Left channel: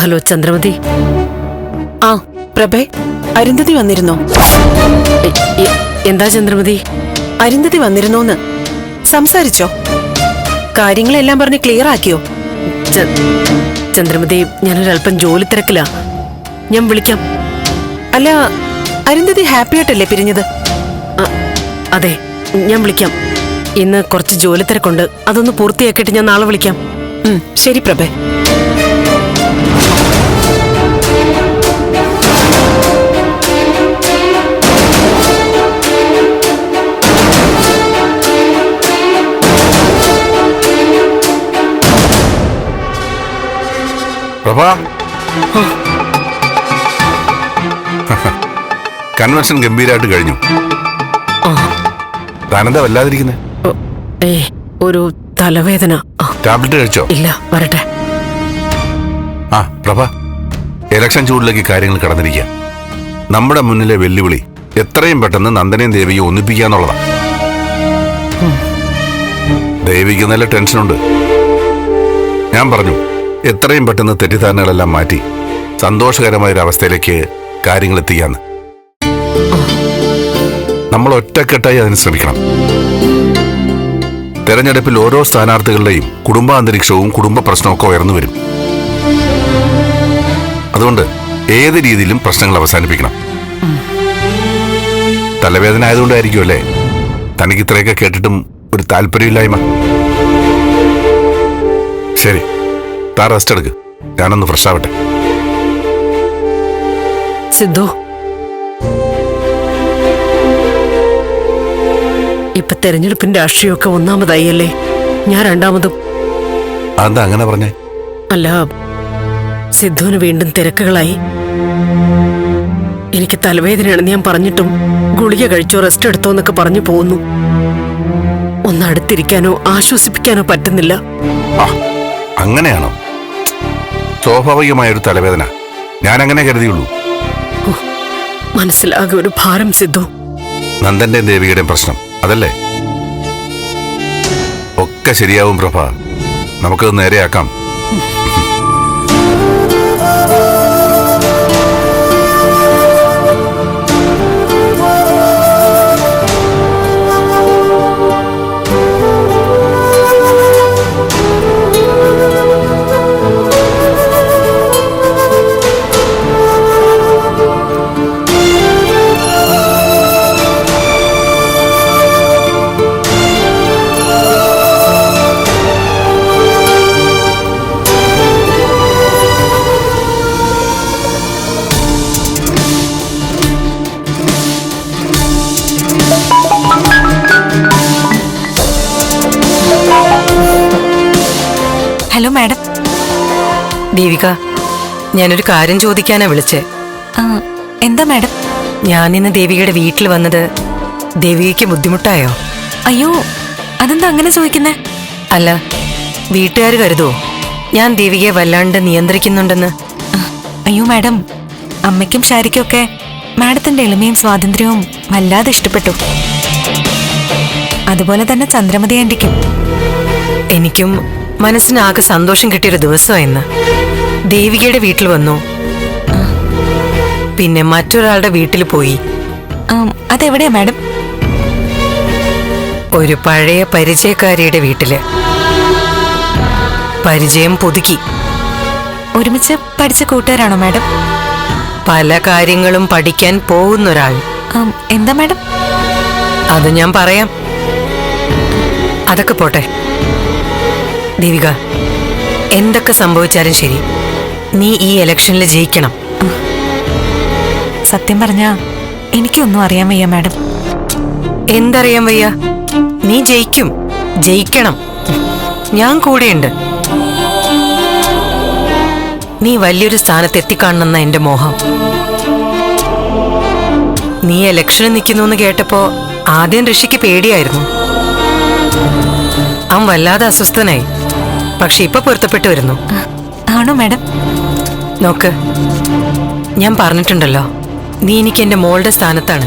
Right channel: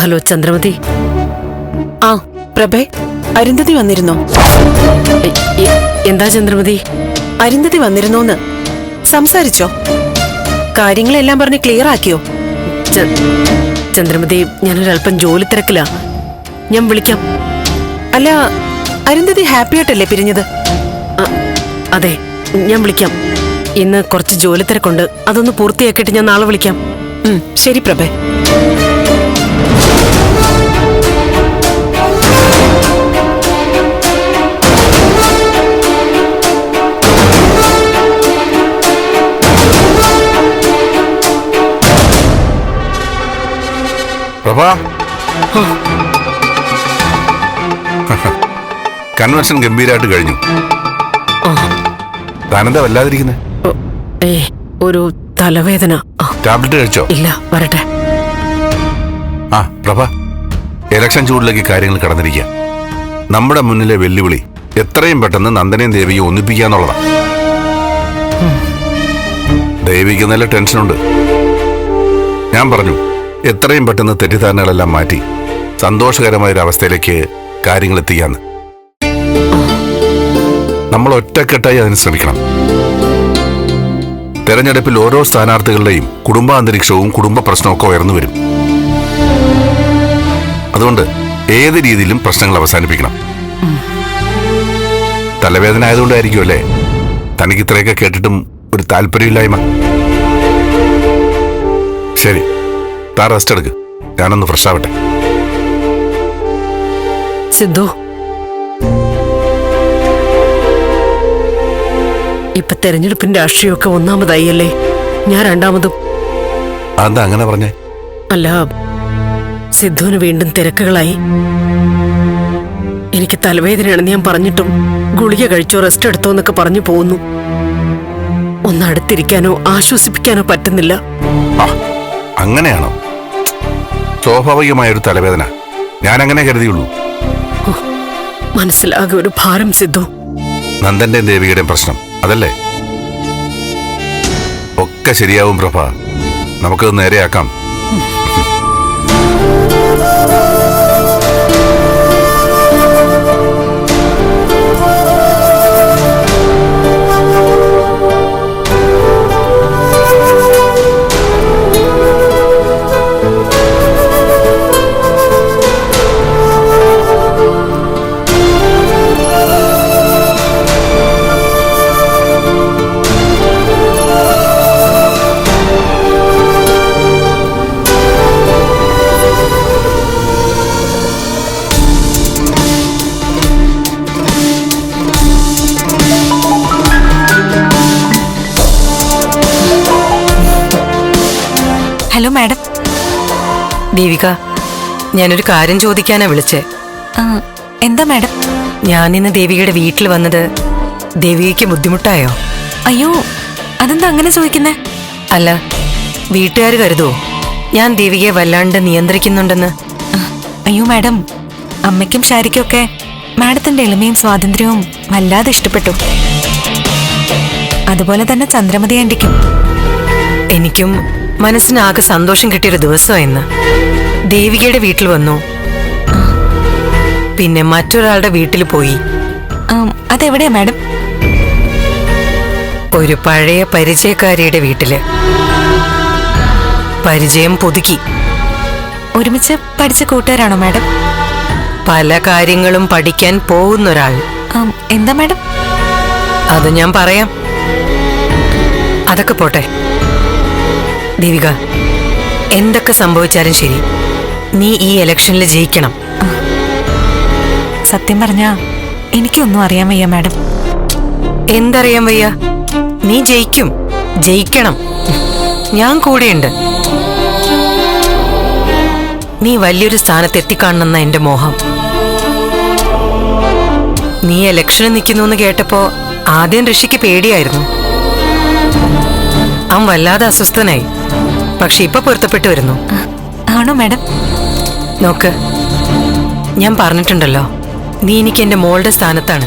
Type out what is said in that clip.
Hello Chandramathi. ആ പ്രഭേ അരുന്ധതി വന്നിരുന്നോ? എന്താ ചന്ദ്രമതി? അരുന്ധതി വന്നിരുന്നോന്ന് സംസാരിച്ചോ? കാര്യങ്ങളെല്ലാം പറഞ്ഞ് ക്ലിയർ ആക്കിയോ? ചന്ദ്രമതി ഞാനൊരല്പം ജോലി തിരക്കില്ല ഞാൻ വിളിക്കാം. അല്ല അരുന്ധതി ഹാപ്പി ആയിട്ടല്ലേ പിരിഞ്ഞത്? അതെ ഞാൻ വിളിക്കാം. ഇന്ന് കുറച്ച് ജോലി തിരക്കുണ്ട്. അതൊന്ന് പൂർത്തിയാക്കിയിട്ട് ഞാൻ നാളെ വിളിക്കാം. ശരി പ്രഭേ. പ്രഭ? കൺവെൻഷൻ ഗംഭീരമായിട്ട് കഴിഞ്ഞു. താനെന്താ വല്ലാതിരിക്കുന്നേ? ഏ ഒരു തലവേദന. ടാബ്ലറ്റ് കഴിച്ചോ? ഇല്ല വരട്ടെ. ആ പ്രഭ ഇലക്ഷൻ ചൂടിലേക്ക് കാര്യങ്ങൾ കടന്നിരിക്കുക നമ്മുടെ മുന്നിലെ വെല്ലുവിളി എത്രയും പെട്ടെന്ന് നന്ദനയും ദേവിയും ഒന്നിപ്പിക്കുക എന്നുള്ളതാ ദേവിക്ക് നല്ല ടെൻഷനുണ്ട്. ഞാൻ പറഞ്ഞു എത്രയും പെട്ടെന്ന് തെറ്റിദ്ധാരണകളെല്ലാം മാറ്റി സന്തോഷകരമായ ഒരു അവസ്ഥയിലേക്ക് കാര്യങ്ങൾ എത്തിക്കാന്ന് നമ്മൾ ഒറ്റക്കെട്ടായി അതിന് ശ്രമിക്കണം. തെരഞ്ഞെടുപ്പിൽ ഓരോ സ്ഥാനാർത്ഥികളുടെയും കുടുംബാന്തരീക്ഷവും കുടുംബ പ്രശ്നമൊക്കെ ഉയർന്നു വരും. അതുകൊണ്ട് ഏത് രീതിയിലും പ്രശ്നങ്ങൾ അവസാനിപ്പിക്കണം. തലവേദന ആയതുകൊണ്ടായിരിക്കും അല്ലേ? തനിക്ക് ഇത്രയൊക്കെ കേട്ടിട്ടും ഒരു താല്പര്യമില്ലായ്മ. ശരി. താ റെസ്റ്റ് എടുക്ക്. ഞാനൊന്ന് ഫ്രഷ് ആവട്ടെ. സിദ്ധു ഇപ്പൊ തെരഞ്ഞെടുപ്പിന്റെ രാഷ്ട്രീയമൊക്കെ ഒന്നാമതായി അല്ലേ ഞാൻ രണ്ടാമതും. അതെന്താ അങ്ങനെ പറഞ്ഞേ? അല്ല സിദ്ധുവിന് വീണ്ടും തിരക്കുകളായി. എനിക്ക് തലവേദനയാണെന്ന് ഞാൻ പറഞ്ഞിട്ടും ഗുളിക കഴിച്ചോ റെസ്റ്റ് എടുത്തോ എന്നൊക്കെ പറഞ്ഞു പോകുന്നു. ഒന്ന് അടുത്തിരിക്കാനോ ആശ്വസിപ്പിക്കാനോ പറ്റുന്നില്ല. അങ്ങനെയാണോ? സ്വാഭാവികമായ ഒരു തലവേദന. ഞാൻ അങ്ങനെ കരുതിയുള്ളൂ മനസ്സിലാകെ ഒരു ഭാരം സിദ്ധു. നന്ദന്റെയും ദേവിയുടെയും പ്രശ്നം അതല്ലേ? ഒക്കെ ശരിയാവും പ്രഭ. നമുക്കത് നേരെയാക്കാം. Hello madam. ദേവിക ഞാനൊരു കാര്യം ചോദിക്കാനാ വിളിച്ചേ. ആ, എന്താ മാഡം? ഞാൻ ഇന്ന് ദേവികയുടെ വീട്ടിൽ വന്നത് ദേവികയ്ക്ക് ബുദ്ധിമുട്ടായോ? അയ്യോ അതെന്താ അങ്ങനെ ചോദിക്കുന്നേ? അല്ല വീട്ടുകാർ കരുതോ? ഞാൻ ദേവികയെ വല്ലാണ്ട് നിയന്ത്രിക്കുന്നുണ്ടെന്ന്. ആ, അയ്യോ മാഡം അമ്മയ്ക്കും ഷാരിക്കും ഒക്കെ മാഡത്തിന്റെ എളിമയും സ്വാതന്ത്ര്യവും വല്ലാതെ ഇഷ്ടപ്പെട്ടു. അതുപോലെ തന്നെ ചന്ദ്രമതി ആന്റിക്കും. എനിക്കും മനസ്സിനാകെ സന്തോഷം കിട്ടിയൊരു ദിവസം ഇന്ന് ദേവികയുടെ വീട്ടിൽ വന്നു. പിന്നെ മറ്റൊരാളുടെ വീട്ടിൽ പോയി. അതെവിടെയാ മാഡം? ഒരു പഴയ പരിചയക്കാരിയുടെ വീട്ടിൽ. പരിചയം പുതുക്കി. ഒരുമിച്ച് പഠിച്ച കൂട്ടുകാരാണോ മാഡം? പല കാര്യങ്ങളും പഠിക്കാൻ പോകുന്നൊരാൾ. ഒരാൾ എന്താ മാഡം? അത് ഞാൻ പറയാം. അതൊക്കെ പോട്ടെ. ദേവിക എന്തൊക്കെ സംഭവിച്ചാലും ശരി. നീ ഈ ഇലക്ഷനിൽ ജയിക്കണം. സത്യം പറഞ്ഞ എനിക്കൊന്നും അറിയാൻ വയ്യ മാഡം. എന്തറിയാൻ വയ്യ? നീ ജയിക്കും. ജയിക്കണം. ഞാൻ കൂടെയുണ്ട്. നീ വലിയൊരു സ്ഥാനത്ത് എത്തിക്കാണണമെന്ന എന്റെ മോഹം. നീ ഇലക്ഷന് നിൽക്കുന്നു എന്ന് കേട്ടപ്പോ ആദ്യം ഋഷിക്ക് പേടിയായിരുന്നു. അവൻ വല്ലാതെ അസ്വസ്ഥനായി. പക്ഷെ ഇപ്പൊ പൊരുത്തപ്പെട്ടു വരുന്നു. ആണോ മാഡം? നോക്ക് ഞാൻ പറഞ്ഞിട്ടുണ്ടല്ലോ നീ എനിക്ക് എന്റെ മോളുടെ സ്ഥാനത്താണ്.